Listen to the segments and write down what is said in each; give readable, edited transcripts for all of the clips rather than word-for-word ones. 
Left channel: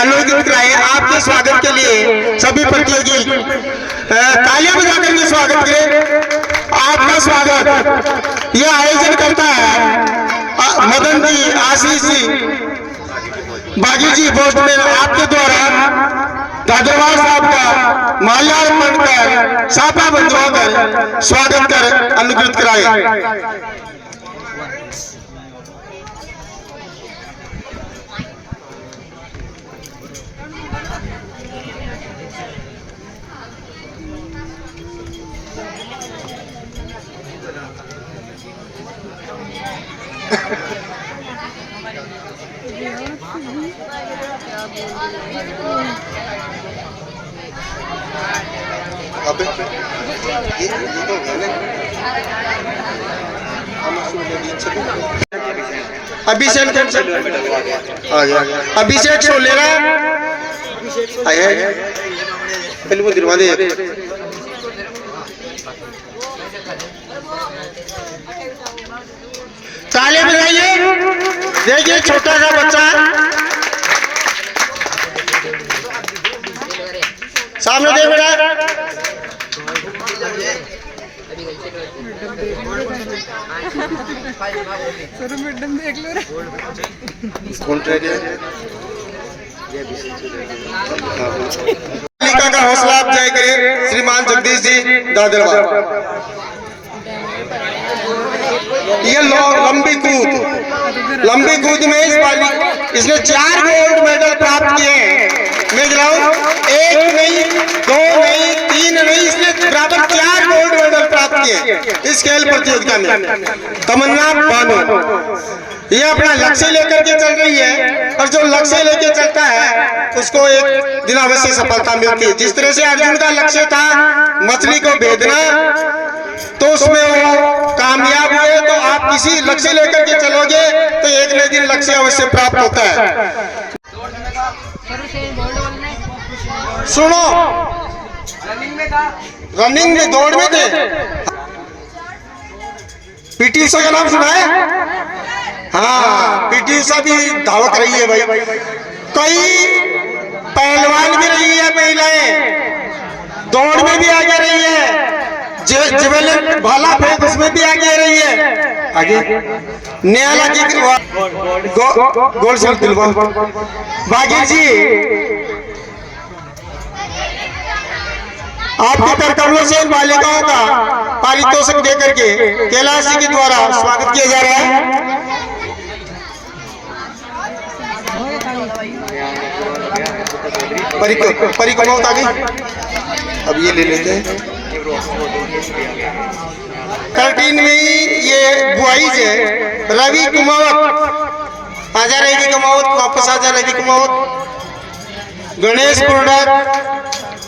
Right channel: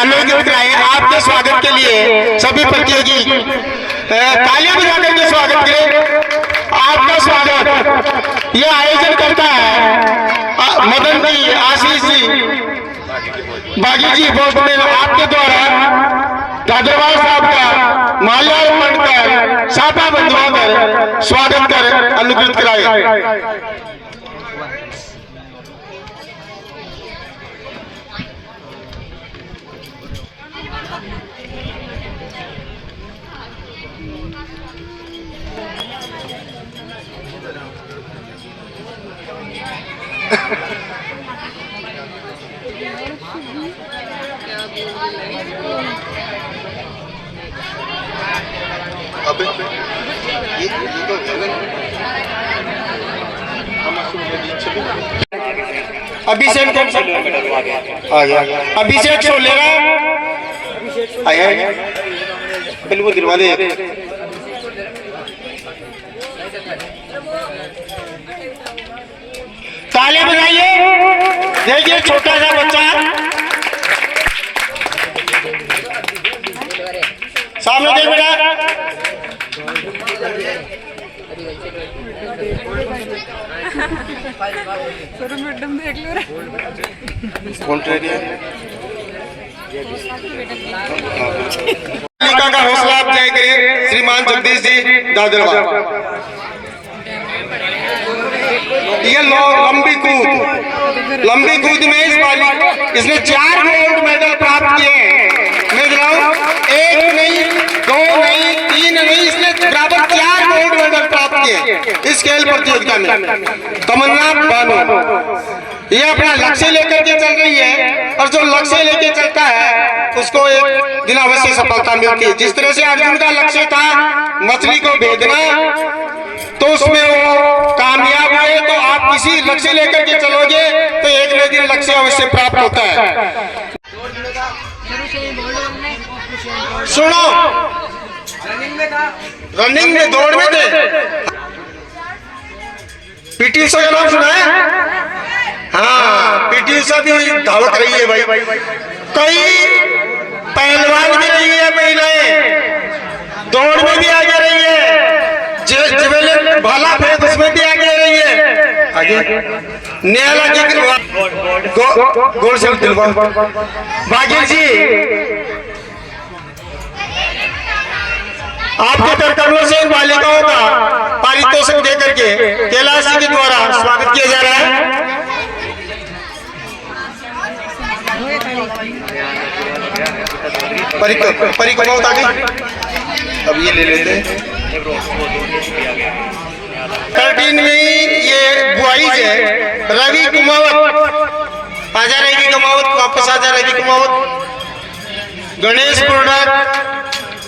अनुग्रहित कराए। आपके स्वागत के लिए सभी प्रतियोगी तालियां बजा करके स्वागत करें। आपका स्वागत यह आयोजन करता है मदन जी, आशीष जी, बागी जी पोस्टमैन, आपके द्वारा दादरवाल साहब का माल्यार्पण कर साफा बंधवा कर स्वागत कर अनुग्रहित कराए। अभिषेक आ गया, अभिषेक शो ले रहा है, बिल्कुल दिलवा दे। तालियां बजाइए। देखिए छोटा सा बच्चा सामने देख बेटा। का हौसला अफजाई करें श्रीमान जगदीश जी दादरवाल। ये लंबी कूद में इस बालिका इसने 4 गोल्ड मेडल प्राप्त किए हैं। मैं गिनाऊं, 1 नहीं, 2 नहीं, 3 नहीं, इसने बराबर 4 गोल्ड मेडल प्राप्त किए इस खेल प्रतियोगिता में। तमन्ना बानो ये अपना लक्ष्य लेकर के चल रही है, और जो लक्ष्य लेकर चलता है उसको एक दिन अवश्य सफलता मिलती है। जिस तरह से अर्जुन का लक्ष्य था मछली को भेजना, तो उसमें वो कामयाब हुए। तो आप किसी लक्ष्य लेकर के चलोगे तो एक न दिन लक्ष्य अवश्य प्राप्त होता है। सुनो, रनिंग में दौड़ में थे, पीटी उषा का नाम सुना है? हाँ, पीटी उषा भी धावक रही है भाई। कई पहलवान भी रही है महिलाएं, दौड़ में भी आगे रही है, जिवेलिन भाला फेंक उसमें भी आगे रही है। आगे न्याला जी गोल से दिलवा बागी जी, आपके तरकमों से इन बालिकाओं का पारितोषिक देकर के कैलाश जी के द्वारा स्वागत किया जा रहा है। परिक्रमा होता गई, अब ये ले लेते हैं। 13 में ये बॉयज है, रवि कुमावत आजा, रवि कुमावत वापस आजा, रवि कुमावत, गणेश पुरडक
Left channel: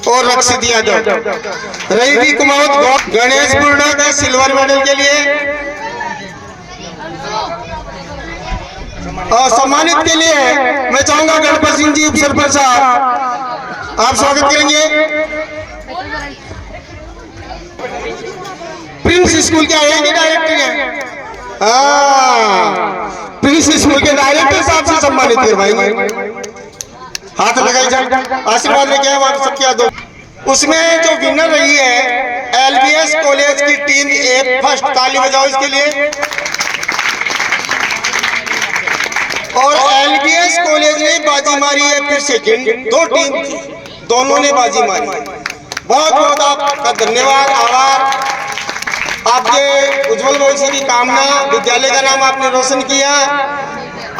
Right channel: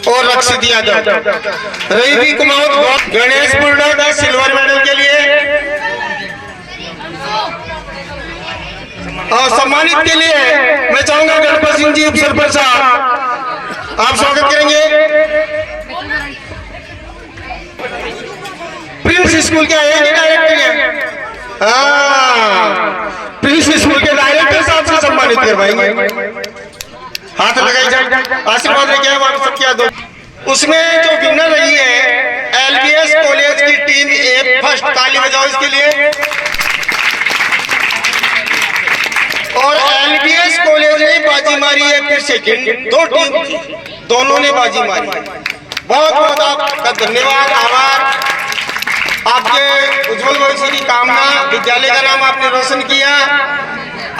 और रक्षित यादव। रवि कुमावत गणेश पुरडक सिल्वर मेडल के लिए और सम्मानित के लिए मैं चाहूंगा गणपत सिंह जी उपसरपंच साहब, आप स्वागत करेंगे। प्रिंस स्कूल के आएंगे डायरेक्टर हैं, हाँ, प्रिंस स्कूल के डायरेक्टर साहब से सम्मानित करवाएंगे। हाथ लगाई जाए, आशीर्वाद लेके आए आप सबके हाथ। उसमें जो विनर रही है एलबीएस कॉलेज की टीम ए फर्स्ट, ताली बजाओ इसके लिए। और एलबीएस कॉलेज ने बाजी मारी है फिर सेकंड, 2 टीम दोनों ने बाजी मारी। बहुत बहुत आपका धन्यवाद, आभार। आपके उज्जवल भविष्य की कामना, विद्यालय का नाम आपने रोशन किया।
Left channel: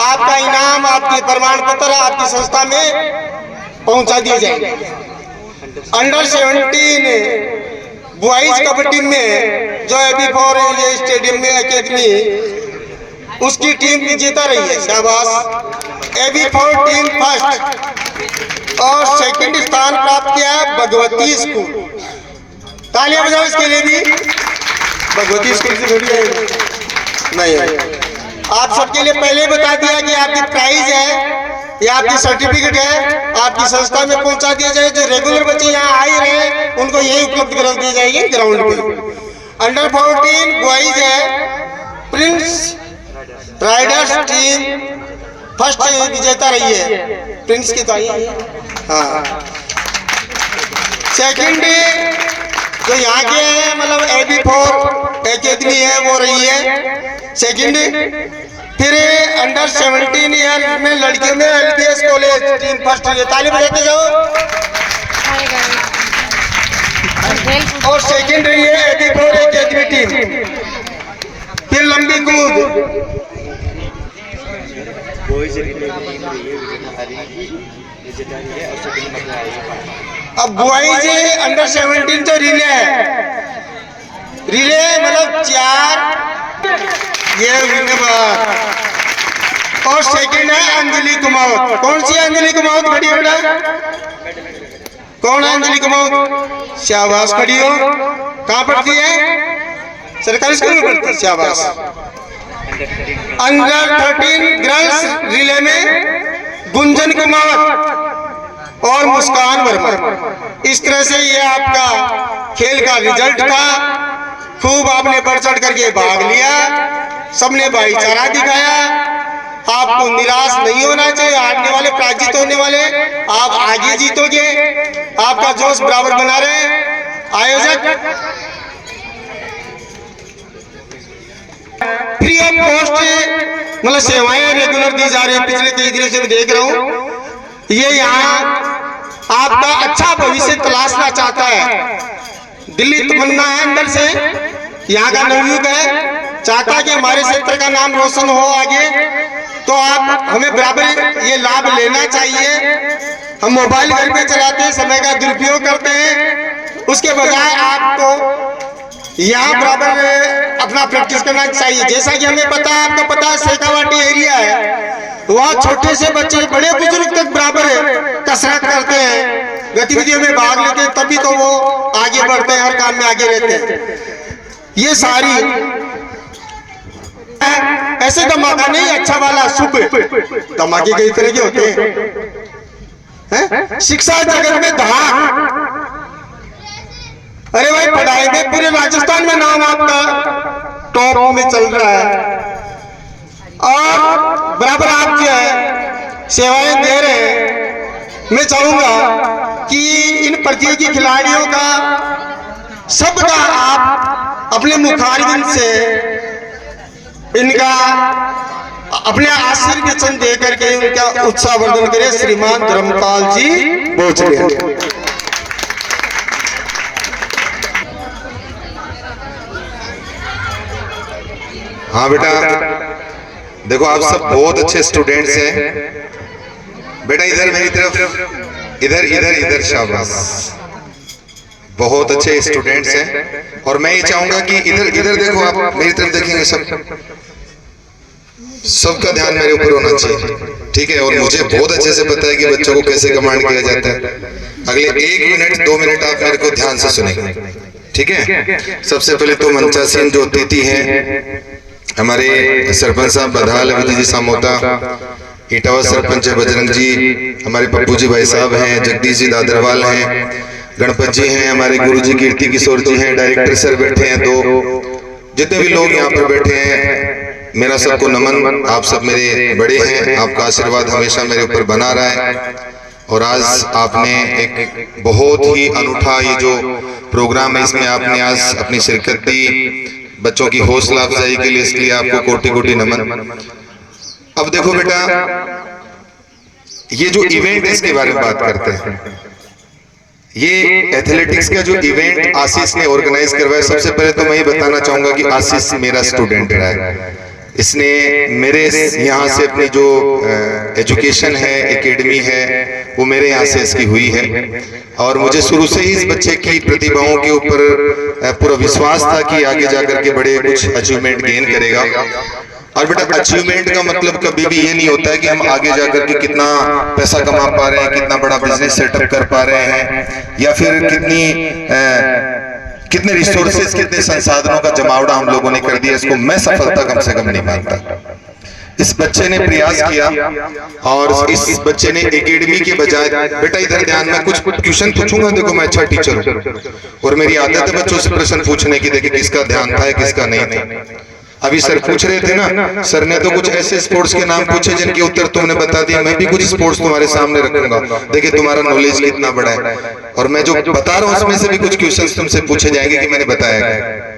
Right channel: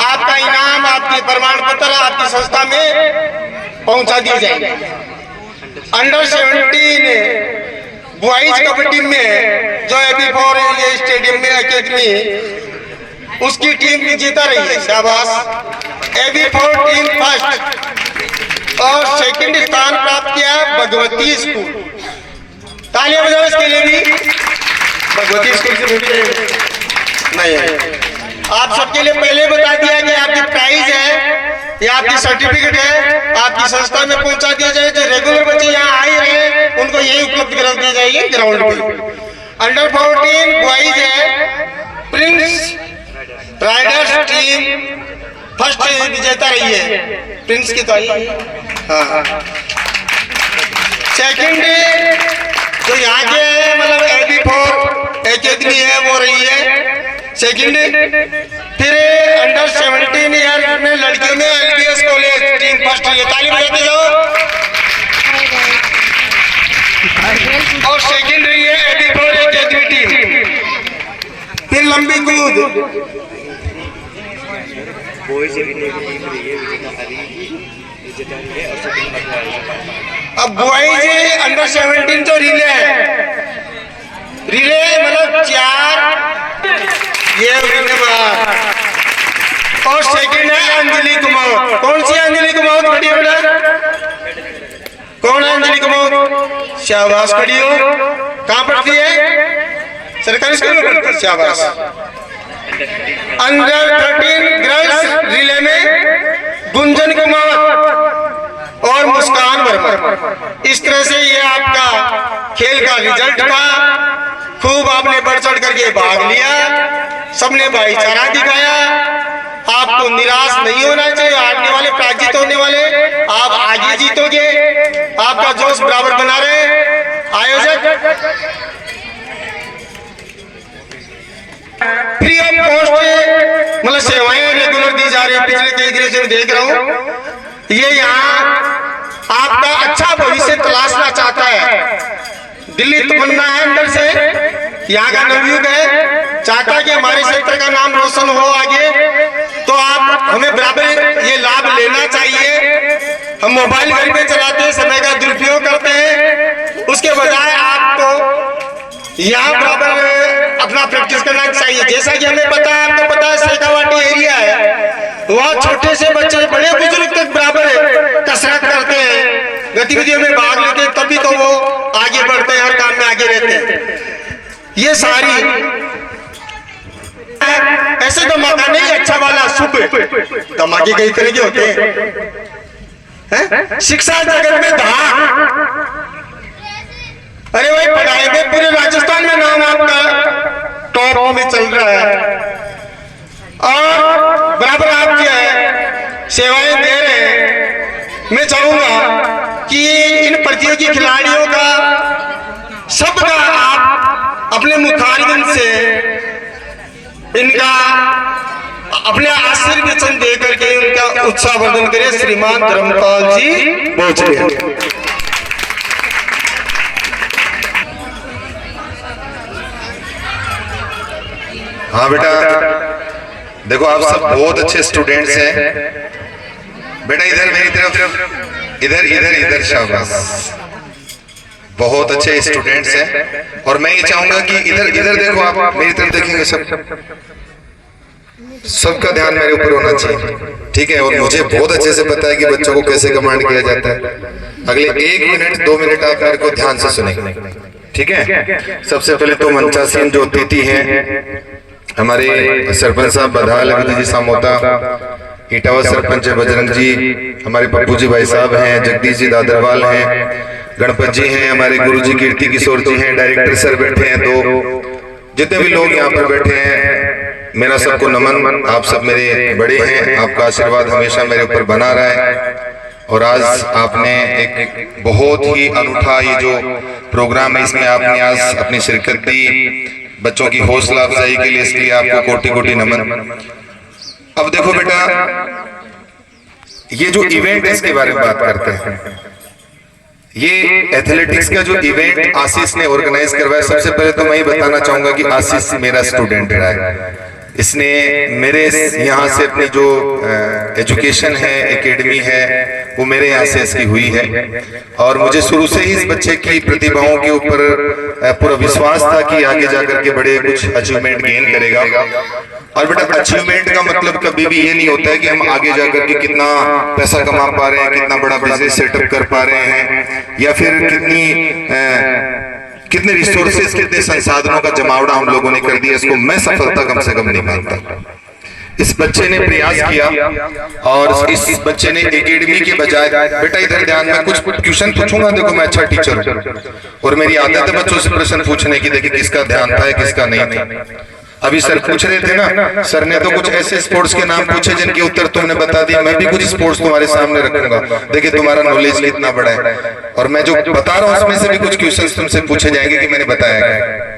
आपका इनाम, आपके प्रमाण पत्र आपकी संस्था में पहुंचा दिए जाएंगे। अंडर 17 बॉयज कबड्डी में जो AB4 ये स्टेडियम में अकेडमी, उसकी टीम भी जीता रही है, शाबाश। AB4 टीम फर्स्ट और सेकंड स्थान प्राप्त किया भगवती स्कूल, तालियां बजाओ इसके लिए भी। भगवती स्कूल से जुड़ी है नहीं है। आप सबके लिए पहले बता दिया कि आपकी प्राइज है, ये आपकी सर्टिफिकेट है, आपकी संस्था में पहुंचा दिया जाए। जो रेगुलर बच्चे यहाँ आ ही रहे उनको यही उपलब्ध करा दी जाएगी ग्राउंड पे। अंडर 14 बॉयज है, प्रिंस राइडर्स टीम फर्स्ट विजेता रही है प्रिंस की तो आई है। हाँ, सेकंड जो यहाँ के है मतलब AB4 एकेडमी है वो रही है सेकंड। फिर अंडर 17 ईयर में लड़कियों में LBS कॉलेज टीम फर्स्ट रही है, ताली बजाते जाओ। और सेकंड रही है AB4 एकेडमी टीम। फिर लंबी कूद अब बॉयज अंडर 17 जो रिले मतलब 4 ये और सेकंड है अंजलि कुमार। कौन सी अंजलि कुमार खड़ी है बेटा? कौन है अंजलि कुमार? शाबाश, खड़ी हो। कहाँ पढ़ती है? सरकारी स्कूल में पढ़ती है। शाबाश। अंडर 13 गर्ल्स रिले में गुंजन कुमार और मुस्कान वर्मा। इस तरह से ये आपका खेल का रिजल्ट था। खूब आपने बढ़ चढ़ करके भाग लिया, सबने भाईचारा दिखाया। आपको निराश नहीं होना चाहिए, हारने वाले पराजित होने वाले, आप आगे जीतोगे। आपका जोश बराबर बना रहे आयोजक। फ्री ऑफ कॉस्ट मतलब सेवाएं रेगुलर दी जा रही है। पिछले 3 दिनों से देख रहा हूँ ये यहाँ आपका अच्छा भविष्य तलाशना चाहता है। दिल्ली तमन्ना है अंदर से, यहाँ का नवयुग है, चाहता है कि हमारे क्षेत्र का नाम रोशन हो आगे। तो आप हमें बराबर ये लाभ लेना चाहिए। हम मोबाइल घर में चलाते हैं, समय का दुरुपयोग करते हैं, उसके बजाय आपको यहाँ बराबर अपना प्रैक्टिस करना चाहिए। जैसा कि हमें पता है, आपको पता है शेखावाटी एरिया है, वहाँ छोटे से बच्चे बड़े बुजुर्ग तक बराबर कसरत करते हैं, गतिविधियों में भाग लेते हैं, तभी तो वो आगे बढ़ते हैं, हर काम में आगे रहते हैं। ये सारी ऐसे धमाका नहीं, अच्छा वाला सुख धमाके कई तरह के होते हैं। शिक्षा जगत में धाक, अरे भाई पढ़ाई में पूरे राजस्थान में नाम आपका टॉप में चल रहा है और बराबर आप जो है सेवाएं दे रहे हैं। मैं चाहूंगा कि इन प्रतियोगी खिलाड़ियों का सबका आप अपने मुखारबिंद से इनका अपने आशीर्वचन दे करके इनका उत्साहवर्धन करें। श्रीमान धर्मपाल जी पहुंचे। हाँ बेटा, देखो आप सब बहुत अच्छे स्टूडेंट्स हैं। बेटा इधर मेरी तरफ, इधर इधर इधर, शाबाश, बहुत अच्छे स्टूडेंट्स हैं। और मैं ये चाहूंगा कि इधर इधर देखो, आप मेरी तरफ देखेंगे, सबका ध्यान मेरे ऊपर होना चाहिए, ठीक है? और मुझे बहुत अच्छे से पता है कि बच्चों को कैसे कमांड किया जाता है। अगले 1 मिनट 2 मिनट आप मेरे को ध्यान से सुनेंगे, ठीक है? सबसे पहले तो मंचासीन जो अतिथि हैं, हमारे सरपंच साहब बधाल विधि जी सामोता, इटावा सरपंच बजरंग जी, हमारे पप्पू जी भाई साहब हैं, जगदीश जी दादरवाल हैं, गणपत जी हैं, हमारे गुरु जी कीर्ति किशोर जी हैं, डायरेक्टर सर बैठे हैं, तो जितने भी लोग यहाँ पर बैठे हैं, मेरा सबको नमन। आप सब मेरे बड़े हैं, आपका आशीर्वाद हमेशा मेरे ऊपर बना रहा है। और आज आपने एक बहुत ही अनूठा ये जो प्रोग्राम है, इसमें आपने आज अपनी शिरकत दी, बच्चों की हौसला अफजाई के लिए, इसलिए आपको कोटि कोटि नमन। अब देखो बेटा, ये जो इवेंट है इसके बारे में बात करते हैं। ये एथलेटिक्स का जो इवेंट आशीष ने ऑर्गेनाइज करवाया, सबसे पहले तो मैं ये बताना चाहूंगा कि आशीष मेरा स्टूडेंट रहा है। इसने मेरे यहाँ से अपनी जो एजुकेशन है, एकेडमी है, वो मेरे यहाँ से इसकी हुई है। और मुझे शुरू से ही इस बच्चे की प्रतिभाओं के ऊपर पूरा विश्वास था कि आगे जाकर के बड़े कुछ अचीवमेंट गेन करेगा। और बेटा, अचीवमेंट का मतलब कभी भी ये नहीं होता है कि हम आगे जाकर के कितना पैसा कमा पा रहे हैं, कितना बड़ा बिजनेस सेटअप कर पा रहे हैं, या फिर कितने रिसोर्सेज, कितने संसाधनों का जमावड़ा हम लोगों ने कर दिया, इसको मैं सफलता कम से कम नहीं मानता। इस बच्चे ने प्रयास किया और इस बच्चे ने एकेडमी के बजाय, बेटा इधर ध्यान में कुछ क्वेश्चन पूछूंगा, देखो मैं अच्छा टीचर हूँ और मेरी आदत है बच्चों से प्रश्न पूछने की, देखिए किसका ध्यान था किसका नहीं था। अभी सर पूछ रहे थे ना, सर ने तो कुछ ऐसे स्पोर्ट्स के नाम पूछे जिनके उत्तर तुमने बता दिया। मैं भी कुछ स्पोर्ट्स तुम्हारे सामने रखूंगा, देखिए तुम्हारा नॉलेज कितना बड़ा है। और मैं जो बता रहा हूं उसमें से भी कुछ क्वेश्चंस तुमसे पूछे जाएंगे कि मैंने बताया है।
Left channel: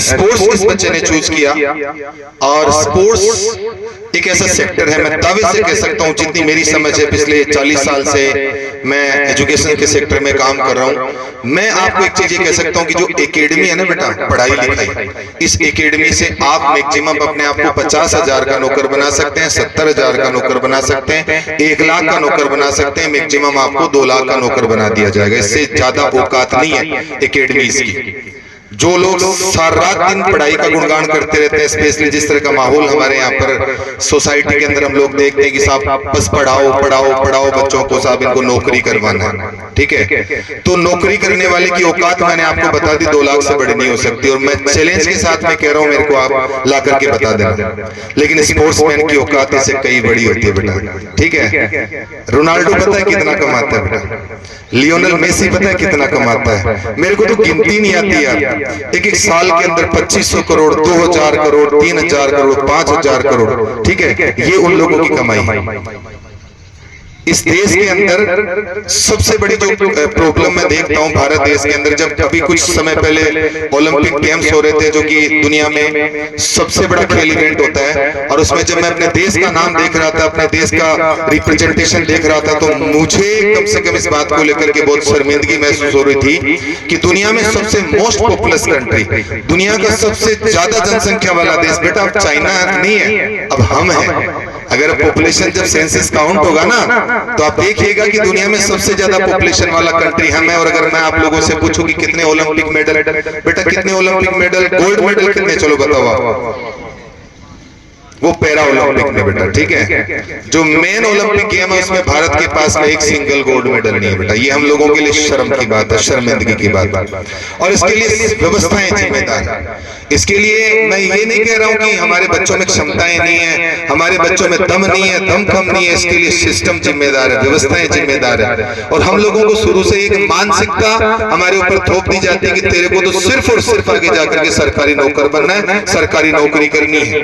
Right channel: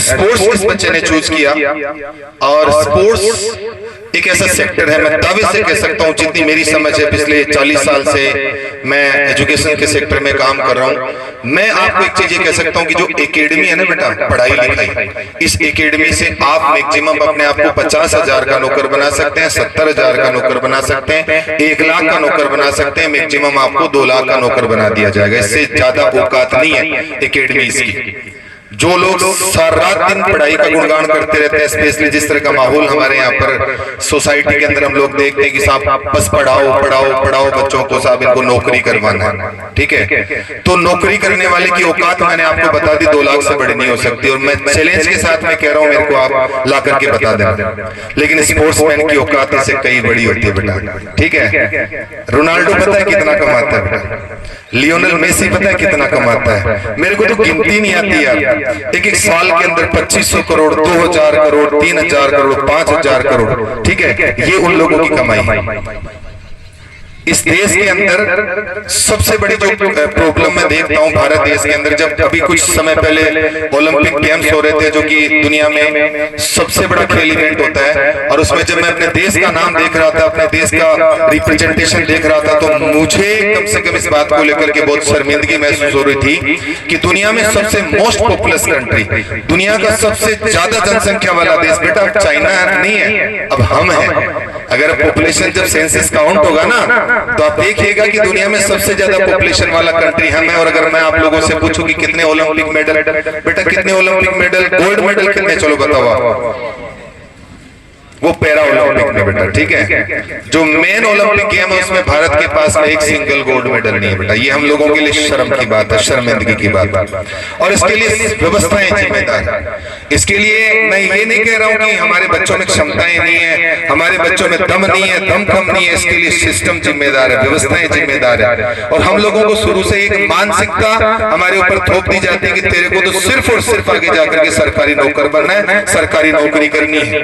स्पोर्ट्स इस बच्चे ने चूज किया, और स्पोर्ट्स एक ऐसा सेक्टर है, मैं दावे से कह सकता हूं, जितनी मेरी समझ है पिछले 40 साल से मैं एजुकेशन के सेक्टर में काम कर रहा हूं, मैं आपको एक चीज ये कह सकता हूं कि जो एकेडमी है ना बेटा, पढ़ाई लिखाई, इस एकेडमी से आप मैक्सिमम अपने आप को 50,000 का नौकर बना सकते हैं, 70,000 का नौकर बना सकते हैं, 1 लाख का नौकर बना सकते हैं, मैक्सिमम आपको 2 लाख का नौकर बना दिया जाएगा। इससे ज्यादा औकात नहीं है एकेडमीज की। जो लोग सारा रात दिन पढ़ाई का गुणगान करते रहते हैं, स्पेशली जिस तरह का माहौल हमारे यहाँ पर सोसाइटी के अंदर हम लोग देखते हैं कि साहब बस पढ़ाओ पढ़ाओ पढ़ाओ बच्चों को, साहब इनको नौकरी करवाना है, ठीक है। तो नौकरी करने वाले की औकात मैंने आपको बता दी 2 लाख से बड़ी नहीं हो सकती, और मैं चैलेंज के साथ में कह रहा हूँ, मेरे को आप ला करके बता देना। लेकिन स्पोर्ट्समैन की औकात इससे कई बड़ी होती है बेटा, ठीक है। रोनाल्डो पता है कितना कमाता है बेटा, लियोनेल मेसी पता है कितना कमाता है, मेरे को तो गिनती नहीं आती यार। एक साल के अंदर 2500 करोड़, 2000 करोड़, 3000 करोड़, 5000 करोड़, ठीक है, ये उन लोगों की कमाई। इस देश के अंदर सबसे बड़ी जो प्रॉब्लम मैं देखता हूं भारत देश के अंदर, जब अभी कुछ समय पहले ओलंपिक गेम्स हो रहे थे, जो कि दुनिया में सबसे बड़ा खेल इवेंट होता है, और उसमें जब मैं अपने देश का नाम देख रहा था, अपने देश का रिप्रेजेंटेशन देख रहा था, तो मुझे कम से कम इस बात को लेकर के बहुत शर्मिंदगी महसूस हो रही थी कि दुनिया में सबसे मोस्ट पॉपुलस कंट्री, दुनिया का सबसे ज्यादा जनसंख्या वाला देश बेटा अब चाइना नहीं है, अब हम हैं। अगर पॉपुलेशन जब सेंसस काउंट होगा ना, तो आप देखिएगा कि दुनिया में सबसे ज्यादा पॉपुलेशन वाला कंट्री हम है। और अगर मैं आप लोगों से पूछूं कि कितने ओलंपिक मेडल, बेटा कितने ओलंपिक मेडल, गोल्ड मेडल कितने, चलो बताओ। वो पैरा ओलंपिक में बेटा, ठीक है, जो मेन ओलंपिक गेम है उसमें भारत के पास में एक सिंगल गोल्ड मेडल नहीं है बेटा। ये हम लोगों के लिए शर्म की बात है, शर्मिंदगी की बात है, और इसके लिए व्यवस्थाएं जिम्मेदार है। इसके लिए मैं ये नहीं कह रहा हूं कि हमारे बच्चों में क्षमताएं नहीं है, हमारे बच्चों में दम नहीं है, दम कम नहीं है, इसके लिए सिस्टम जिम्मेदार है, व्यवस्थाएं जिम्मेदार है। और हम लोगों को शुरू से एक मानसिकता हमारे ऊपर थोप दी जाती है कि तेरे को तो सिर्फ और सिर्फ आगे जाकर के सरकारी नौकर बनना है, सरकारी नौकरी करनी है।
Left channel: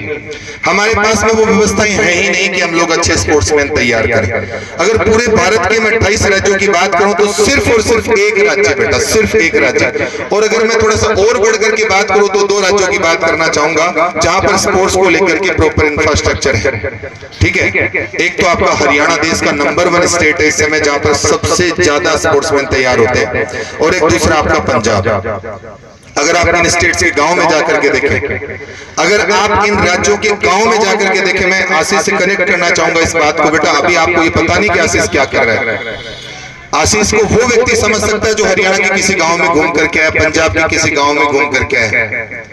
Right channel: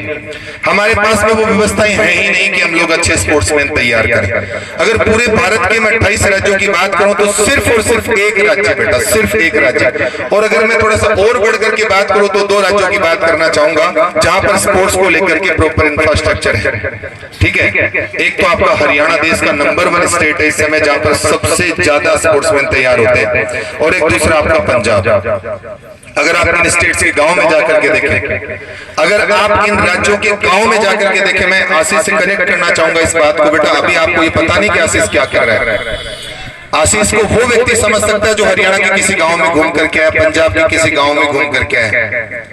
हमारे पास में वो व्यवस्थाएं है ही नहीं कि हम लोग अच्छे स्पोर्ट्समैन तैयार करें। अगर पूरे भारत के मैं 28 राज्यों की बात करूं तो सिर्फ और सिर्फ एक राज्य बेटा, सिर्फ एक राज्य। और अगर मैं थोड़ा सा और बढ़ करके बात करूं तो 2 राज्यों की बात करना चाहूंगा जहां पर स्पोर्ट्स को लेकर के प्रॉपर इंफ्रास्ट्रक्चर है, ठीक है। एक तो आपका हरियाणा देश का नंबर 1 स्टेट है इस समय, जहां पर सबसे ज्यादा स्पोर्ट्समैन तैयार होते हैं, और एक दूसरा आपका पंजाब। अगर आप इन स्टेट्स के गांव में जाकर के देखें, अगर आप इन राज्यों के गांव में जाकर के देखें, मैं आशीष से कनेक्ट करना चाहूंगा इस बात को बेटा। अभी आपको ये पता नहीं कि आशीष क्या कर रहा है। आशीष को वो व्यक्ति समझ सकता है जो हरियाणा के किसी गांव में घूम करके आया, पंजाब के किसी गांव में घूम करके आया।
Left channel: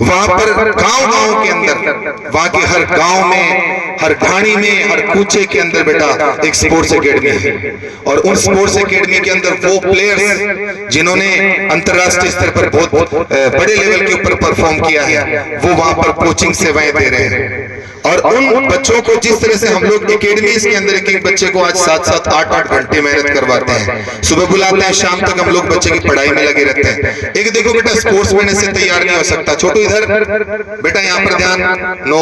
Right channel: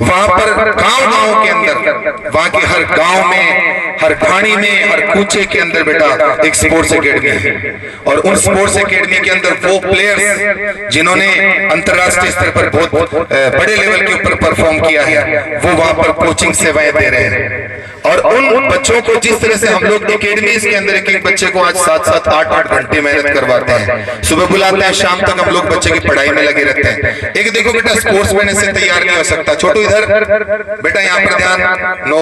वहां पर गांव के अंदर, वहां के हर गांव में, हर घाणी में, हर कूचे के अंदर बेटा एक स्पोर्ट्स एकेडमी है। और उन स्पोर्ट्स एकेडमी के अंदर वो प्लेयर्स जिन्होंने अंतरराष्ट्रीय स्तर पर बहुत बड़े लेवल के ऊपर परफॉर्म किया है, वो वहां पर कोचिंग सेवाएं दे रहे हैं। और उन बच्चों को जिस तरह से हम लोग एकेडमीज के अंदर एक बच्चे को आज 7-7, 8-8 घंटे मेहनत करवाते हैं, सुबह बुलाते हैं, शाम तक हम लोग बच्चे की पढ़ाई में लगे रहते हैं। एक देखो बेटा, स्पोर्ट्समैन ऐसे तैयार नहीं हो सकता। छोटू इधर बेटा, यहाँ पर ध्यान, नो,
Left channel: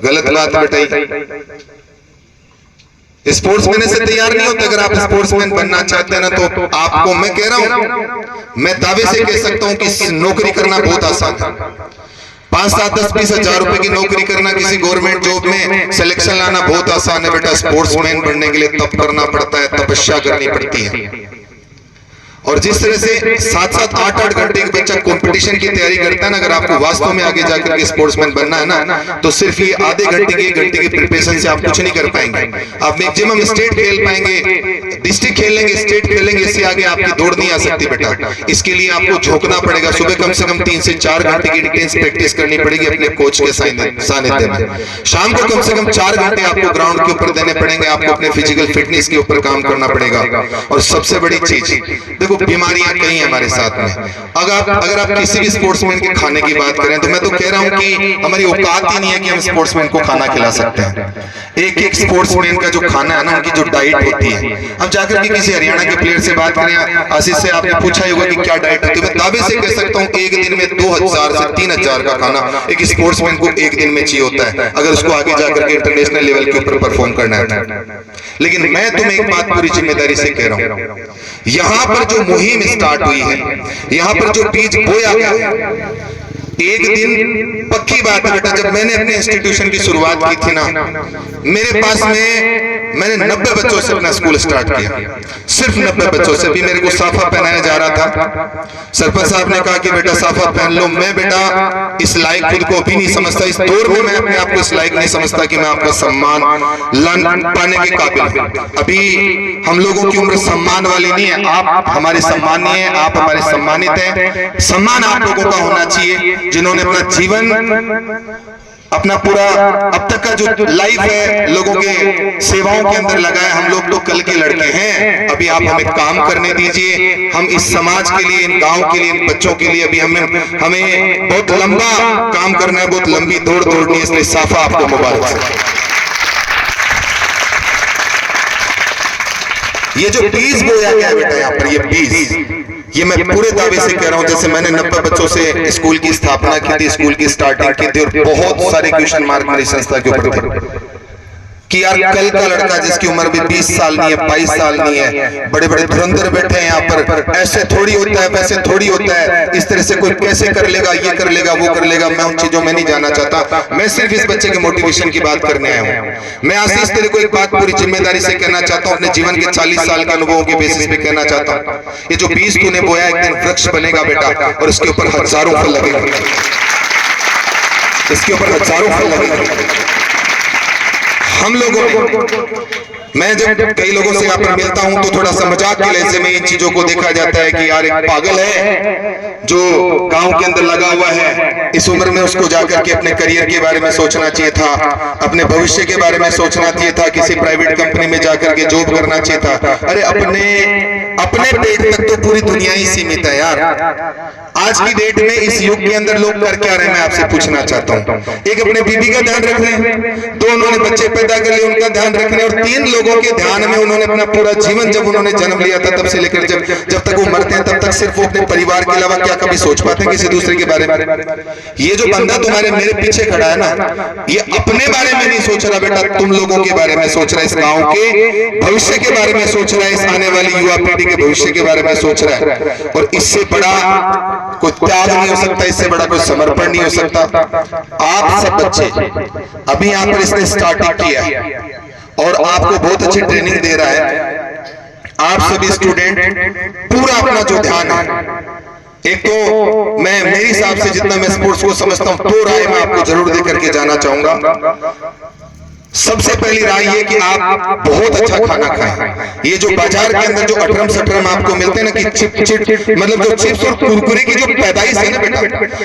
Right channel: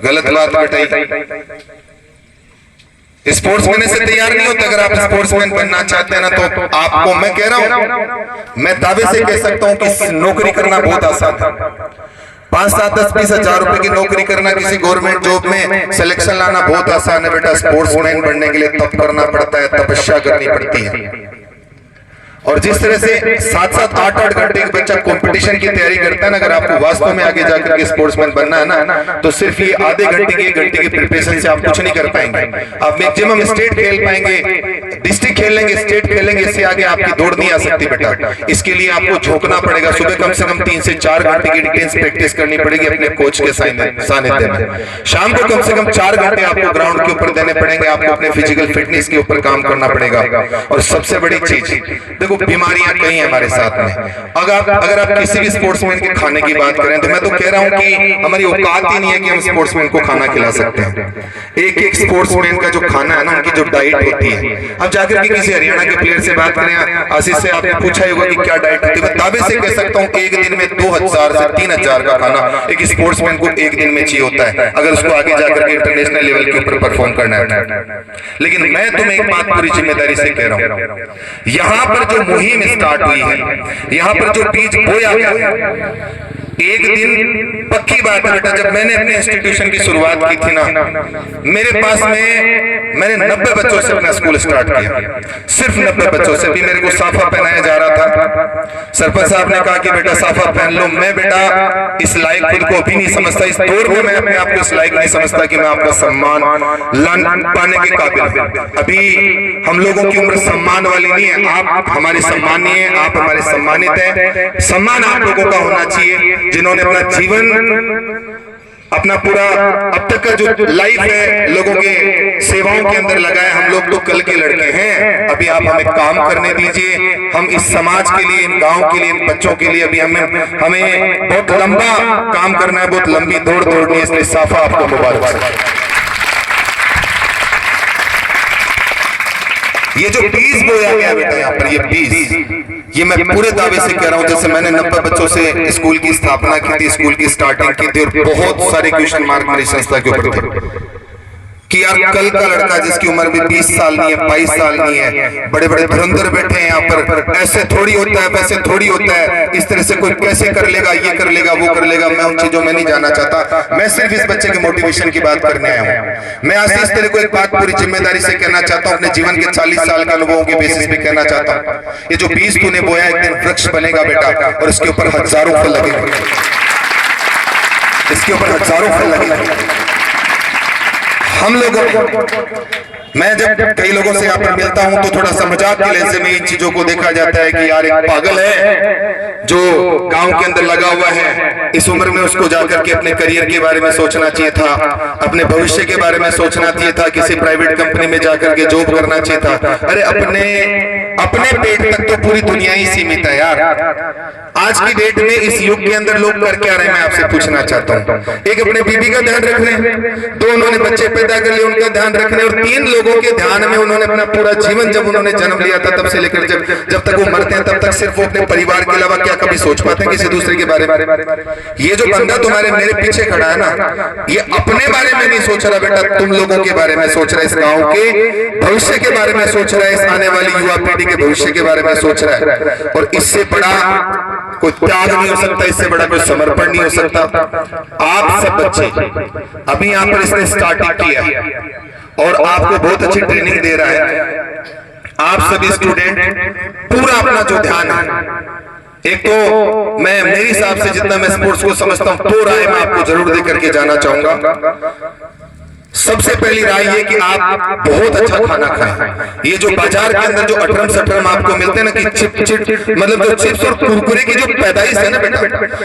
गलत बात बेटा। स्पोर्ट्समैन से तैयार नहीं होता। अगर आप स्पोर्ट्समैन बनना चाहते हैं ना, तो आपको मैं कह रहा हूं, मैं दावे से कह सकता हूं कि नौकरी करना बहुत आसान है। 5, 7, 10, 20 हजार रुपए की नौकरी करना, किसी गवर्नमेंट जॉब में सिलेक्शन लाना बहुत आसान है बेटा। स्पोर्ट्समैन बनने के लिए तप करना पड़ता है, तपस्या करनी पड़ती है। और जिस तरह से 7-7, 8-8 घंटे एक बच्चा कंपटीशन की तैयारी करता है ना, अगर आपको वास्तव में आगे जाकर के स्पोर्ट्समैन बनना है ना, तो सिर्फ ये आधे घंटे की 1 घंटे की प्रिपरेशन से आप कुछ नहीं कर पाएंगे। आप मैक्सिमम स्टेट खेल पाएंगे, डिस्ट्रिक्ट खेल लेंगे, स्टेट खेलेंगे, इससे आगे आपकी दौड़ नहीं आ सकती बेटा। इसके लिए आपको झोंकना पड़ेगा। सुबह कम से कम 3 से 4 घंटे की इंटेंस प्रैक्टिस करनी पड़ेगी अपने कोच के सानिध्य में। शाम को कम से कम 4 घंटे आपको ग्राउंड के ऊपर देने पड़ेंगे। आपको अपने फिजिकल फिटनेस के ऊपर काम करना पड़ेगा। और सबसे बड़ी चीज देखो, बीमारियां कई हैं हमारे साथ में। अगर आप किसी भी स्पोर्ट्समैन के खाने की बात करें तो मैं तो कह रहा हूं कि हमारी औकात ही नहीं है कि हम स्पोर्ट्समैन को खाना खिला सकते हैं। एक एक स्पोर्ट्समैन का जो खाना है ना, उनकी जो डाइट होती है, अब जाकर के किसी हरियाणा के प्लेयर से बात करें, आशीष से आपने पूछा ही होगा कि क्या डाइट होती है, मैं दावे से कह सकता हूं एक दिन में 2000 से 3000 का खाना एक स्पोर्ट्समैन को एक दिन में चाहिए होता है, अगर उसको आगे जाकर के इंटरनेशनल लेवल के ऊपर परफॉर्म करना है। लेकिन मैं तुम्हें एक बात पूरी जिम्मेदारी से कह रहा हूं, यहां पर जो मुहिम स्टार्ट हुई है, यहां पर जो बीज बोया गया है, एक दिन पक्की बात है बेटा, जब मैंने अपने इंस्टीट्यूशन की शुरुआत की थी ना, मेरे पास में मैंने 90 बच्चों से अपना स्कूल स्टार्ट किया, सिर्फ 90 बच्चों से। भी मेरे को साफा पहनाया जा रहा था, सरपंच साहब ने कहा कि बेटा साफा पहन लो। मैं बेटा इस लायक खुद को भी नहीं समझता, इस दौर में मैं अपने आप को इस लायक नहीं समझता कि मैं आपका सम्मान पाने के काबिल। अभी हम लोगों की उम्र सम्मान वाली नहीं है, आप हमारे सम्मानीय हैं, आप हमारे सम्मानित हैं। सम्मान आप लोगों का होना चाहिए जिन्होंने अपना जीवन, अपना पूरा अब तक का जो लाइफ है लोगों के सेवाओं के अंदर लगाया। हम लोग तो कल के लड़के हैं, अभी आप हमें काम करने दीजिए। हम इस समाज के लिए, इन गांव के लिए, इन बच्चों के लिए अभी हमें बहुत लंबा काम करना है, बहुत लंबी दौड़ दौड़नी है, इसलिए साफा आपको मुबारक। ये जो बीज बोया गया बेटा यहाँ पर, ये बीज, ये मैं पूरे दावे से कह रहा हूँ, जैसे मैंने 90 बच्चों से स्कूल की स्थापना की थी, स्कूल की स्टार्टिंग की थी, और बहुत सारे क्वेश्चन मार्क मेरी संस्था के ऊपर थे कि यार कल का लड़का जिसकी उम्र भी 20 साल नहीं है, 22 साल नहीं है, बड़े बड़े धुरंधर बैठे हैं यहाँ पर, ऐसे थोड़ी होता है, वैसे थोड़ी होता है, इस तरह से कोई कैसे कर लेगा, ये कर लेगा, वो कर लेगा। मैं उन चीजों में नहीं जाना चाहता, मैं सिर्फ इस बच्चे के मोटिवेशन की बात करने आया हूँ। मैं आशीष तेरे को एक बात पूरी जिम्मेदारी से कहना चाहता हूँ, अपने जीवन के 40 साल के अनुभवों के बेसिस पे कहना चाहता हूँ, ये जो बीज तूने बोया एक दिन वृक्ष बनेगा बेटा, और इसके ऊपर हजारों फल लगेंगे, इसके ऊपर हजारों फल लगेंगे। हम लोगों को, मैं जब कई लोगों से यहाँ पर मिलता हूं तो थोड़ा सा मजाक के लहजे में इन चीजों को देखा जाता है कि यार एक पागल है जो गांव के अंदर लगा हुआ है, इस उम्र में उसको जाकर के अपने करियर के बारे में सोचना चाहिए था, अपने भविष्य के बारे में सोचना चाहिए था, किसी प्राइवेट कंपनी में जाकर के जॉब करना चाहिए था। अरे अपने पेट तक तो पूरी दुनिया ही सीमित है यार। आज की डेट में इस युग के अंदर लोग कर क्या रहे हैं, मैं आपसे पूछना चाहता हूँ। एक अपने बीबी का ध्यान रख रहे हैं, दो उन्होंने बच्चे पैदा कर लिए उनका ध्यान रख रहे हैं, और 3 लोगों के ध्यान में उन्होंने अपना पूरा जीवन, जब उन्होंने जन्म लिया था तब से लेकर जब तक वो मरते हैं तब तक सिर्फ वो अपने परिवार के अलावा क्या कभी सोच पाते हैं किसी दूसरे के बारे में? ये जो बंदा तुम्हारे मेरे पीछे खड़ा है ना, ये अपने बारे में नहीं सोच रहा बेटा, तुम लोगों के बारे में सोच रहा है, इस गांव के भविष्य के बारे में सोच रहा है, इस आने वाली युवा पीढ़ी के भविष्य के बारे में सोच रहा है। और इससे बड़ा कोई त्याग नहीं हो सकता, इससे बड़ा कोई समर्पण नहीं हो सकता। आप सब बच्चे अभी यहाँ पर इसने स्टार्टिंग किया और आपको बहुत अच्छी ट्रेनिंग दे रहा है। आप सभी स्टूडेंट पूरा अपना जो ध्यान है, एक तो मैं मेरे हिसाब से जितना मैं स्पोर्ट्स को समझता हूँ 2 राय मैं आपको जरूर दे करके जाना चाहूंगा। सबसे पहली राय ये कि आप बहुत अच्छा खाना खाएं। ये जो बाजार के अंदर जो अटरम सटरम आपको मिलते हैं ना, कि चिप मतलब जो चिप्स और कुरकुरे की जो पैदाइश है ना बेटा,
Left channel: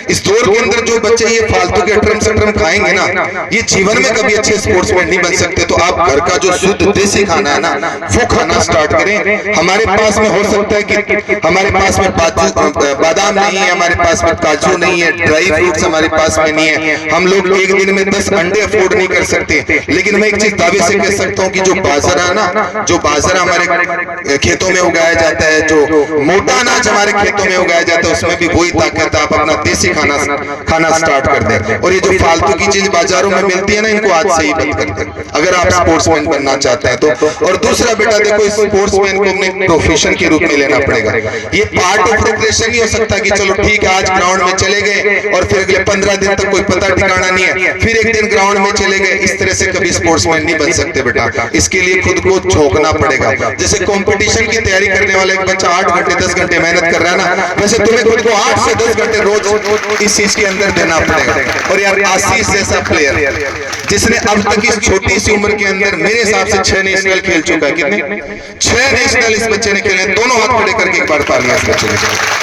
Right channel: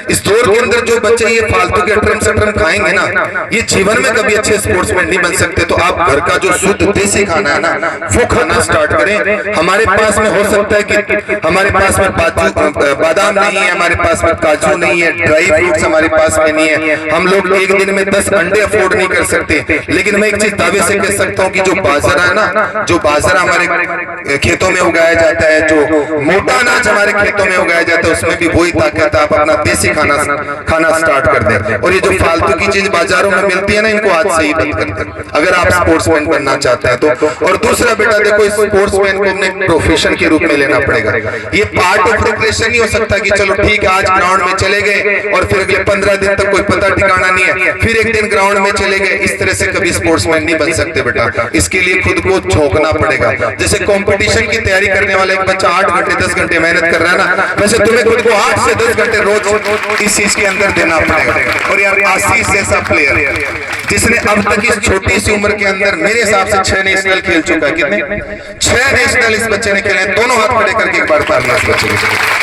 इस दौर के अंदर जो बच्चे ये फालतू के अटरम सटरम खाएंगे ना, ये जीवन में कभी अच्छे स्पोर्ट्समैन नहीं बन सकते। तो आप घर का जो शुद्ध देसी खाना है ना, वो खाना स्टार्ट करें। हमारे पास में हो सकता है कि हमारे पास में बादाम नहीं है, हमारे पास में काजू नहीं है, ड्राई फ्रूट्स हमारे पास में नहीं है, हम लोग एक दिन में 10 अंडे अफोर्ड नहीं कर सकते। लेकिन मैं एक चीज दावे से कह सकता हूँ कि जो बाजरा है ना, जो बाजरा हमारे खेतों में उगाया जाता है, जो मोटा अनाज हमारे खेतों में उगाया जाता है, उसमें भी वही ताकत है। आप अपना देसी खाना स्टार्ट कर दें। और ये जो फालतू की चीज बाजारों में मिलती है ना, इनको आज से ही बंद कर दें अगर आप स्पोर्ट्समैन बनना चाहते हैं तो। और दूसरा बेटा देखो, इस स्पोर्ट्समैन को अपने प्रोफेशन के रूप में लेना पड़ेगा। ये पार्ट ऑफ प्रिपरेशन नहीं हो सकता कि चलो ठीक है आज ग्राउंड में चले गए और फिर अगले 15 दिन तक कोई पता ठिकाना नहीं है, फिर एक दिन ग्राउंड में चले गए। इस तरह से कभी स्पोर्ट्समैन नहीं बन सकते बेटा। इसके लिए खुद को झोंकना पड़ेगा। जैसे कंपटीशन की तैयारी करने वाला एक बच्चा 8 घंटे 10 घंटे मेहनत कर रहा है ना, वैसे तुम्हें खुद को 8 से 10 घंटे रोज इस चीज के अंदर देना पड़ेगा। और यार आशीष जैसा प्लेयर जिसने अब तक इस छोटी सी उम्र के अंदर मेरे हिसाब से 6 नेशनल खेल चुका है। कितने? 6 नेशनल इस बच्चे ने खेले। दोनों हाथ खड़े करके एक बार तालियां इस बच्चे को।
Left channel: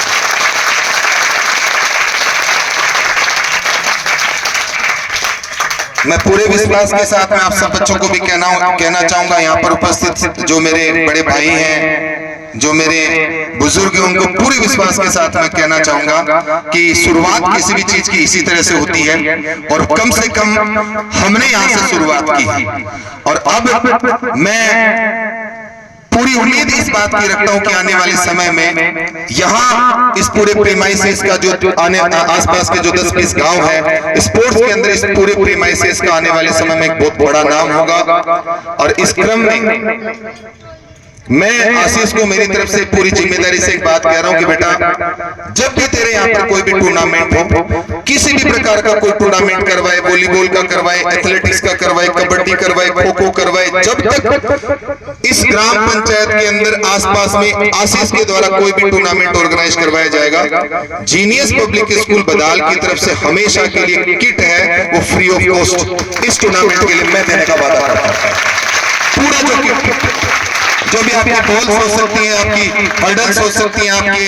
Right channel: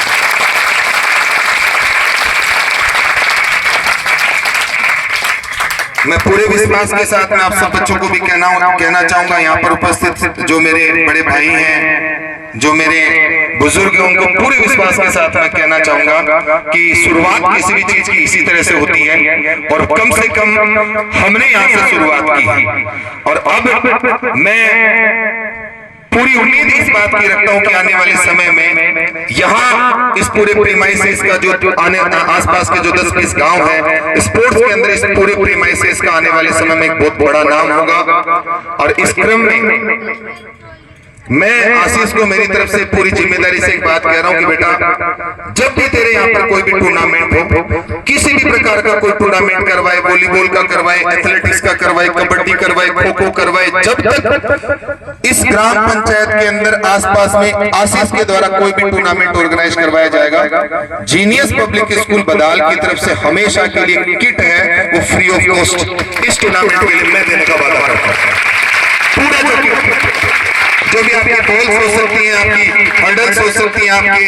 मैं पूरे विश्वास के साथ में आप सब बच्चों को भी कहना चाहूंगा, यहाँ पर उपस्थित जो मेरे बड़े भाई हैं, जो मेरे बुजुर्ग हैं उनको पूरे विश्वास के साथ मैं कहना चाहूंगा कि शुरुआत किसी भी चीज की इसी तरह से होती है और कम से कम हमने यहाँ से शुरुआत की और अब मैं पूरी उम्मीद इस बात की रखता हूं कि आने वाले समय में यहाँ इस पूरे प्रीमाइसेस का जो आने आसपास के जो 10-20 गांव है स्पोर्ट्स के अंदर इस पूरे प्रीमाइसेस का आने वाले समय में एक बहुत बड़ा नाम होगा। और इस क्रम में मैं आशीष को मेरी तरफ से पूरी जिम्मेदारी से एक बात कह रहा हूं कि बेटा जब भी तेरे यहाँ पर कोई भी टूर्नामेंट हो, किसी भी प्रकार का कोई टूर्नामेंट करवाए, वॉलीबॉल का करवाए, एथलेटिक्स का करवाए, कबड्डी करवाए, खो खो करवाए, जब तक इस ग्राम पंचायत के अंदर आसपास में आशीष के द्वारा कोई भी टूर्नामेंट ऑर्गेनाइज करवाया जाएगा, जीनियस पब्लिक स्कूल बदाल की तरफ से हमेशा के लिए किट है वो फ्री ऑफ कॉस्ट इस टूर्नामेंट के लिए मैं देने का वादा करता हूं। पूरा जो भी आपकी बॉल्स हो सकती हैं, आपकी हर्डल्स हो सकती हैं, आपके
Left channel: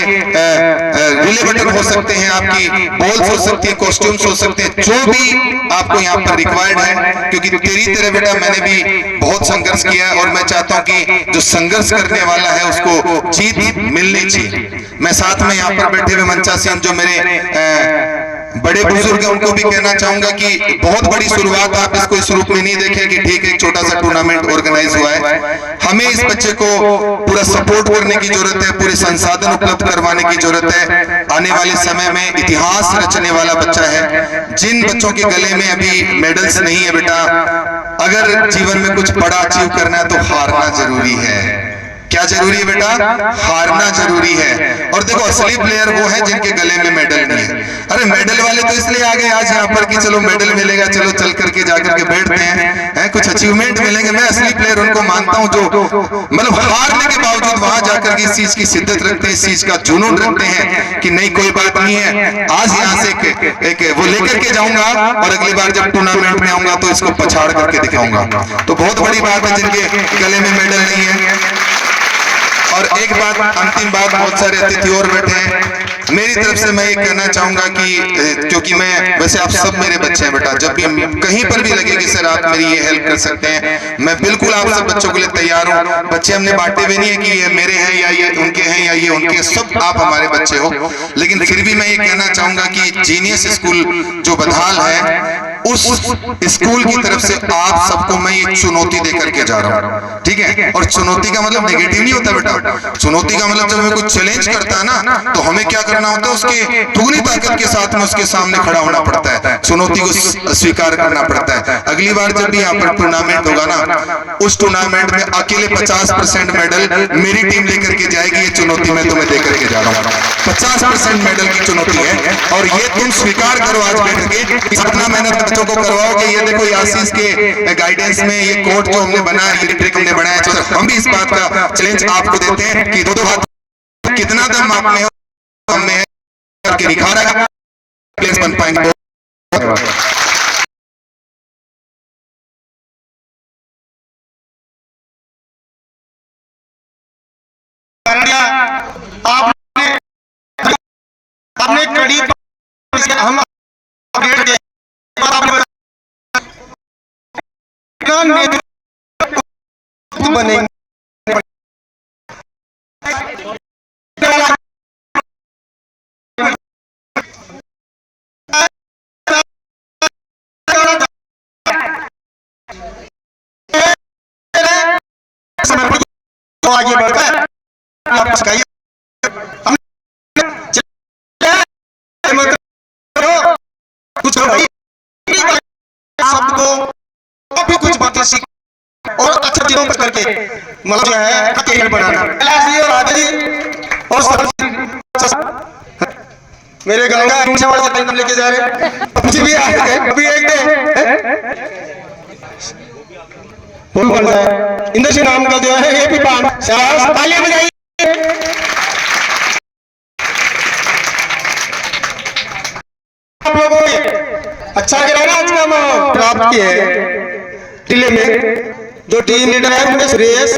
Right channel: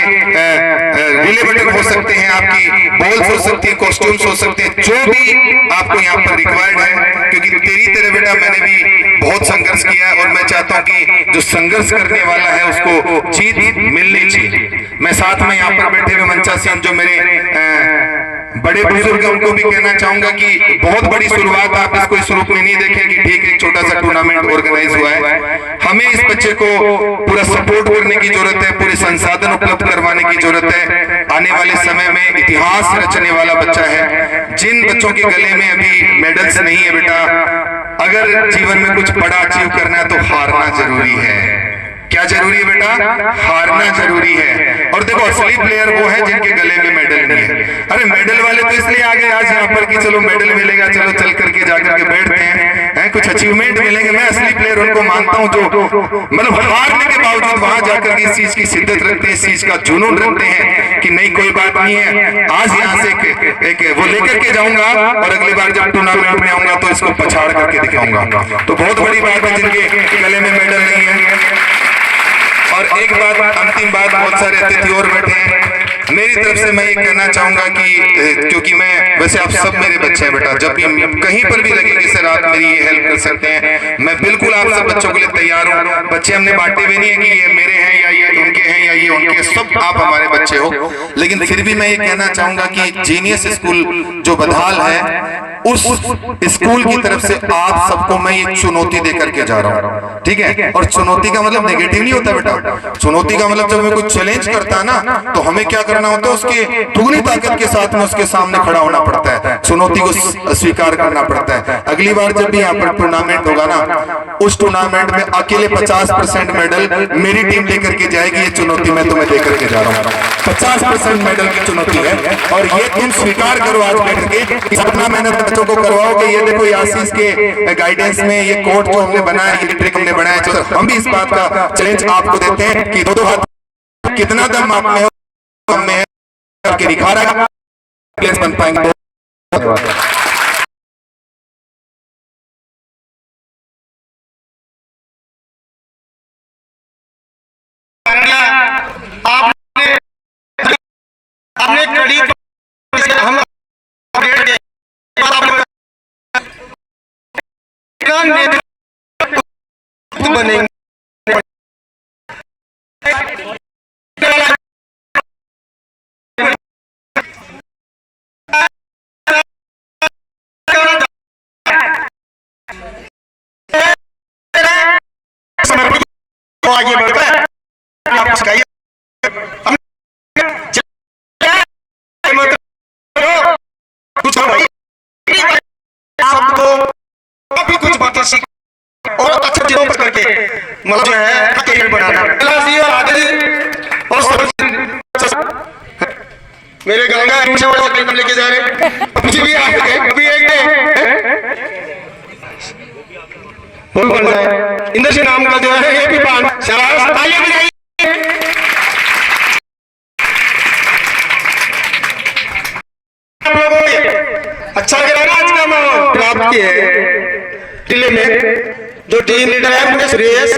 रिले बटन हो सकते हैं, आपकी बॉल्स हो सकती है, कॉस्ट्यूम्स हो सकते हैं, जो भी आपको यहाँ पर रिक्वायर्ड है, क्योंकि तेरी तरह बेटा मैंने भी बहुत संघर्ष किया है और मैं चाहता हूँ कि जो संघर्ष करने वाला है उसको जीत मिलनी चाहिए। मैं साथ में यहाँ पर बैठे हुए मंचा सिंह जो मेरे बड़े बुजुर्ग हैं उनको भी कहना चाहूंगा कि बहुत बड़ी शुरुआत आप इसको इस रूप में नहीं देखें कि ठीक है छोटा सा टूर्नामेंट ऑर्गेनाइज हुआ है, हमें इस बच्चे को पूरा सपोर्ट करने की जरूरत है, पूरे संसाधन उपलब्ध करवाने की जरूरत है। आने वाले समय में इतिहास रचने वाला बच्चा है। जिन बच्चों के गले में अभी मेडल्स नहीं है बेटा, अगर जीवन में कुछ बड़ा अचीव करना है तो हारना जरूरी है। क्या जरूरी है बेटा? हारना जरूरी है। और देखो असली प्लेयर वो है जिनके गले में मेडल नहीं है। अरे मेडल वाले तो इसलिए आ गए आज यहाँ पर कि चलो मेडल मिलेगा, चलो चल करके जाकर के बैठते हैं, कुछ अचीवमेंट मिलेंगे। मैं असली प्लेयर उनको मानता हूँ जो मतलब हारने के बावजूद वहां जाकर के इस चीज की शिद्दत रखते हैं, इस चीज का जुनून रखते हैं कि नहीं कोई बात नहीं है, आज यहाँ से एक वो लेकर के जाऊंगा और अगली बार जब टूर्नामेंट में आऊंगा तो इसको पछाड़ करके दिखाऊंगा। तो बहुत बड़ी बात है जिनके गले में मेडल नहीं है। और एक बात, अंतिम बात, बहुत सारे अतिथि और बैठे हैं, मेरी तरफ से मैं ये कहना चाहूंगा कि क्योंकि मैं वैसे आप सब मेरे बच्चे हैं बेटा, जब भी कहीं पर भी लगे कि सर आप मेरी ये हेल्प कर सकते हैं, मैं बिल्कुल आप सब बच्चों के लिए तैयार हूँ। बच्चे हमने बांटे भी नहीं है कि ये मेरे हैं या ये उनके हैं या ये उनके, सब आप हमारे बच्चे हो। लेकिन फिर भी मैं ये कहना चाहूंगा कि जीनियस स्कूल जो बधाल है उस स्कूल की तरफ से आप सबको मैं एक चुनौती दे करके जा रहा हूँ, ठीक है? और चुनौती का मतलब नेगेटिव नहीं होता बेटा, चुनौती का मतलब जब हमें कुछ चैलेंज करता है ना तो हमें क्या करना होता है, उसके दुगनी ताकत के साथ में उसके सामने खड़ा होना पड़ता है, चुनौती को स्वीकार करना पड़ता है। अगली बार जब भी यहाँ पर टूर्नामेंट होगा ना, उस टूर्नामेंट में अकेले 50% मेडल मेरी टीम लेकर के जाएगी। ये चुनौती मैं तुम्हें दे करके जा रहा हूँ, 50% मेडल की चुनौती है। और ये तुम स्वीकार करो आज बैठ के, इतना मेहनत बच्चों को करवाओगे। ये देखो आशीष के गाइडेंस में ये कोर्ट जो हमने बनाया, ये ट्रिक हमने बनाया, हम भी इस बात का चैलेंज आपको देते हैं कि दो हाथ कितना दम आप में हो, हम में है करके निखारा प्लेयर्स बन पाएंगे। आपने कड़ी हम बनेंगे आगे बढ़ता है, आप सिखाइए कुछ सबको काफी कुछ बातें सीख और अच्छे चीजों पर करके मतलब जो है करियर बनाना। और मेरे गांव का वाला टाइम लेके जा रहे हैं, मुझे भी अभी एक इंद्र सिंह नाम का जो है ये भी तालियां बजाइए। आप लोगों को अच्छा लगा ना आज का माहौल प्राप्त किए जिले में जो टीम लीडर है उनमें सुरेश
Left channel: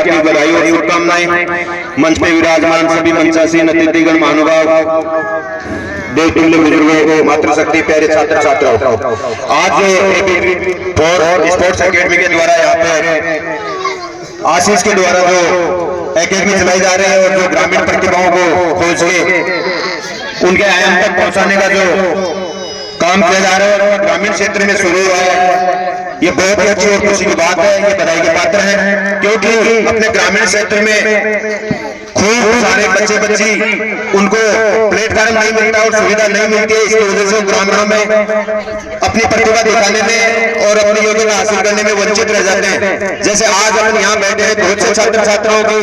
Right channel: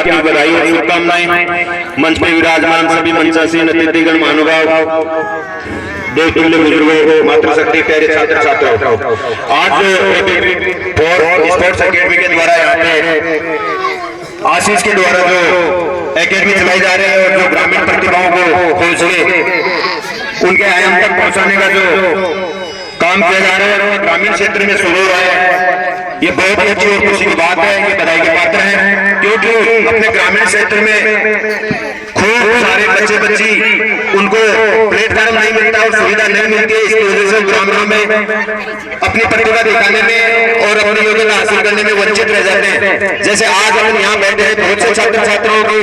हार्दिक बधाई और शुभकामनाएं। मंच पे विराजमान सभी मंचासीन अतिथिगण, महानुभाव, देव तुल्य बुजुर्गों, मातृशक्ति प्यारे छात्र छात्राओं, आज फॉर स्पोर्ट्स एकेडमी के द्वारा यहाँ पे आशीष के द्वारा जो एकेडमी चलाई जा रही है और जो ग्रामीण प्रतिभाओं को खोज के उनके आयाम तक पहुंचाने का जो काम किया जा रहा है और ग्रामीण क्षेत्र में शुरू हुआ है, ये बहुत ही अच्छी और खुशी की बात है। ये बधाई के पात्र है, क्योंकि अपने ग्रामीण क्षेत्र में खूब सारे बच्चे बच्ची उनको प्लेटफॉर्म नहीं मिलता और सुविधा नहीं मिलती है। इसकी वजह से ग्रामीणों में अपनी प्रतिभा दिखाने में और अपनी योग्यता हासिल करने में वंचित रह जाते हैं। जैसे आज हम यहाँ बैठे हैं, बहुत से छात्र छात्राओं की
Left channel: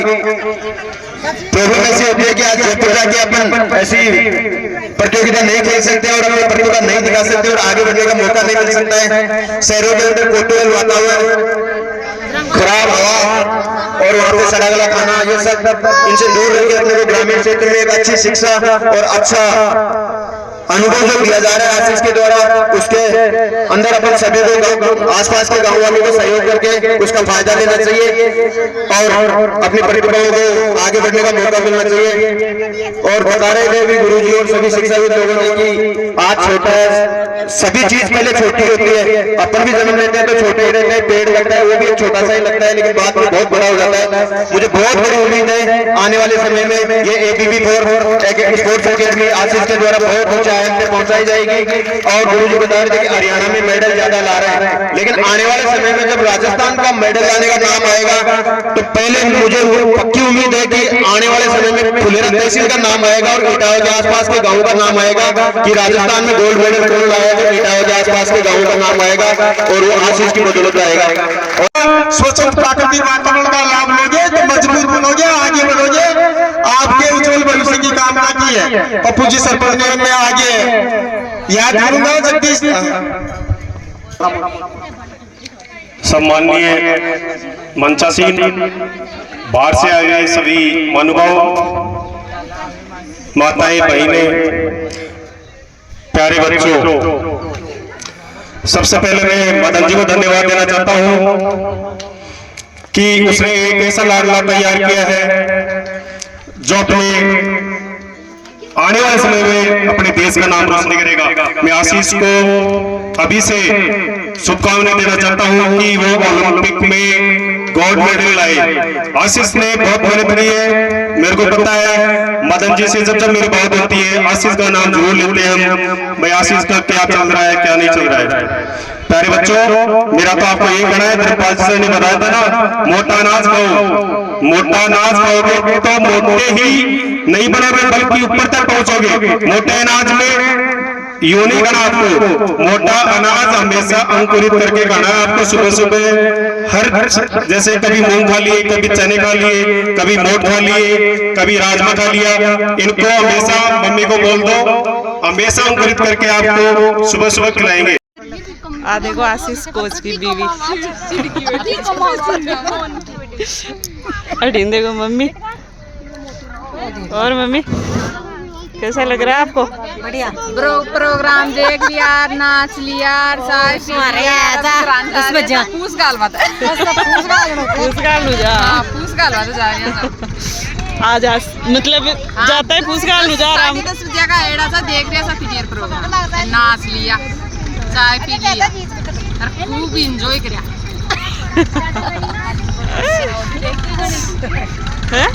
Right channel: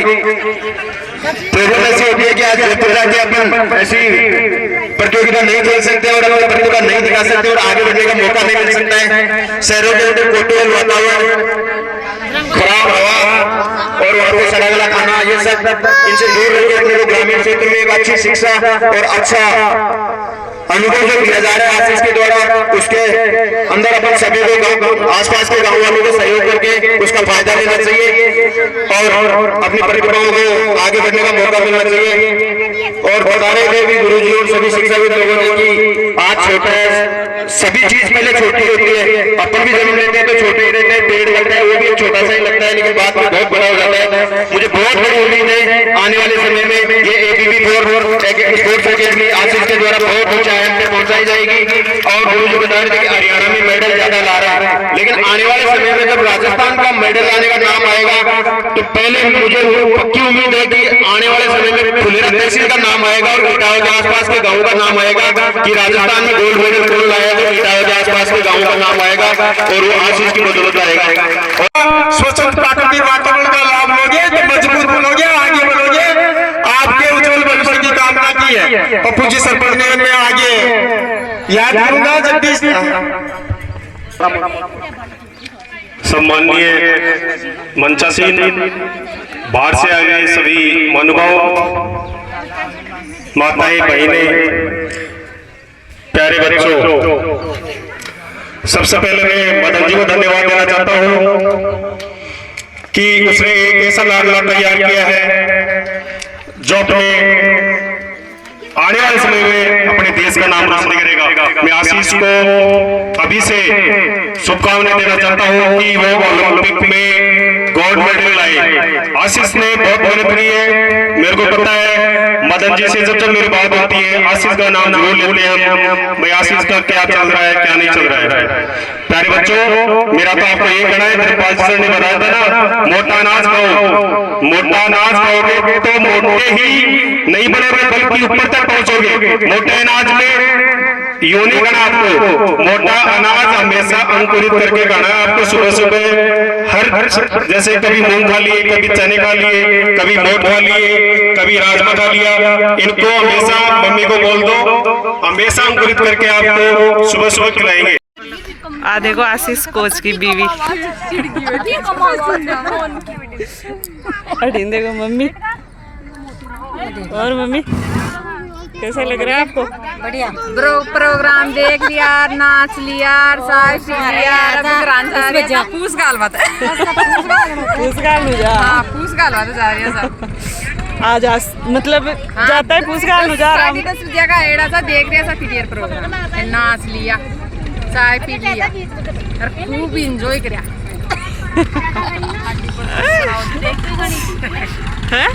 प्रेरणा ऐसी होती है कि आज जोधपुर जाके अपन ऐसी प्रतियोगिता नहीं खेल सकते और अपनी प्रतिभा नहीं दिखा सकते और आगे बढ़ने का मौका नहीं मिल सकता है। शहरों के अंदर कोटोल वातावरण, खराब हवा और वहाँ पे सड़ा गला खाना, ये सब इनसे दूर रह के अपने को ग्रामीण क्षेत्र में एक अच्छी शिक्षा और अच्छा अनुभव जो दिया जा रहा है आशीष के द्वारा, उसके अंदर अपन सभी को आसपास के गांव वालों को सहयोग करके उसका फायदा लेना चाहिए और अपनी प्रतिभाओं को आगे बढ़ने का मौका मिलना चाहिए। और बता रहे थे भी गुरुजी और सभी शिक्षाविद लोगों ने कि आज छोटा है, सभी चीज पहले छोटी होती है। अपन भी जन्म लेते हैं तो छोटे ही रहते हैं, पेड़ लगता है वो भी छोटा सा ही लगता है, लेकिन बाद में बहुत बड़ा हो जाता है। मुझे बहुत बड़ी उम्मीद है आने वाले समय में ये ABB स्पोर्ट्स एकेडमी आशीष के द्वारा बहुत ऊंचे आयाम पे पहुंचाई जाएगी। और गुरुजी बता रहे थे कि हरियाणा में मेडल ज्यादा ला रहा है, लेकिन आने वाले समय में जब राजस्थान का मेडल लाने का नाम आएगा तो पहले मुझे पक्की उम्मीद है कि आने वाले समय में फुलेरा तहसील का नाम आएगा और इटावा के आसपास के गाँव का नाम आएगा कि राजस्थान में गोल्ड मेडल कौन लाया तो इटावा के आसपास के गाँव का नाम आएगा और वो आशीष की बदौलत आएगा। स्वच्छ प्राकृतिक वातावरण का लाभ लोगे तो मजबूत बनोगे, आगे बढ़ोगे। आपके उज्जवल भविष्य की कामना की है पप्पू जी सरपंच ने, मैं आगे याद करूंगा जगदीश। सम्माननीय मंचासीन, बाहर से आए हुए सभी महानुभाव, माताएं, बहनें, प्यारे बच्चों, सबसे पहले मैं मदन जी को धन्यवाद देना चाहता हूं कि उसने एक ऐसा लाडला तैयार किया है जो अपने आने वाले समय में अपने देश का नाम रोशन करेगा। मैं आशीष को अभी से शुभकामनाएं देना चाहता हूं कि वो ओलंपिक में गोल्ड मेडल लाए। आशीष ने बहुत मेहनत की है, मेरे को पता है। मदन जी से जब मेरी बात होती है आशीष का नाम जरूर लेते हैं हम, भाई आशीष का क्या चल रहा है क्या नहीं चल रहा है। प्यारे बच्चों, मेरा तो आपको ये कहना है, त्रिपाल सर ने बताया था ना, मोटा अनाज खाओ, मोटा अनाज खाओगे तो मोटे ही नहीं बनोगे बल्कि ऊपर तक पहुंचोगे। मोटे अनाज में यूं नहीं खाना आपको, मोटा अनाज हमेशा अंकुरित करके खाना है आपको। सुबह सुबह हर जैसे कभी मूंग खा लिए, कभी चने खा लिए, कभी मोट खा लिए, कभी राजमा खा लिया, इनको हमेशा मम्मी को बोल दो हमेशा अंकुरित करके आपको सुबह सुबह खिलाएंगे। देखो आशीष कोच की बीवी अटीन देखो मम्मी। और मम्मी कैसा लग रहा है आपको? बढ़िया। प्रोग्राम देख लिया, नाच लिया, चाय पी लिया, पूछ गालवा पूछ गालवा तो जा रही है सब। आज मतलब जाता है पूछ गाल जा रहा हूँ जगह एड़ा सा देख रहा था फिर प्रोग्राम, नाच लिया, चाय पी लिया और खूब इंजॉय करा है।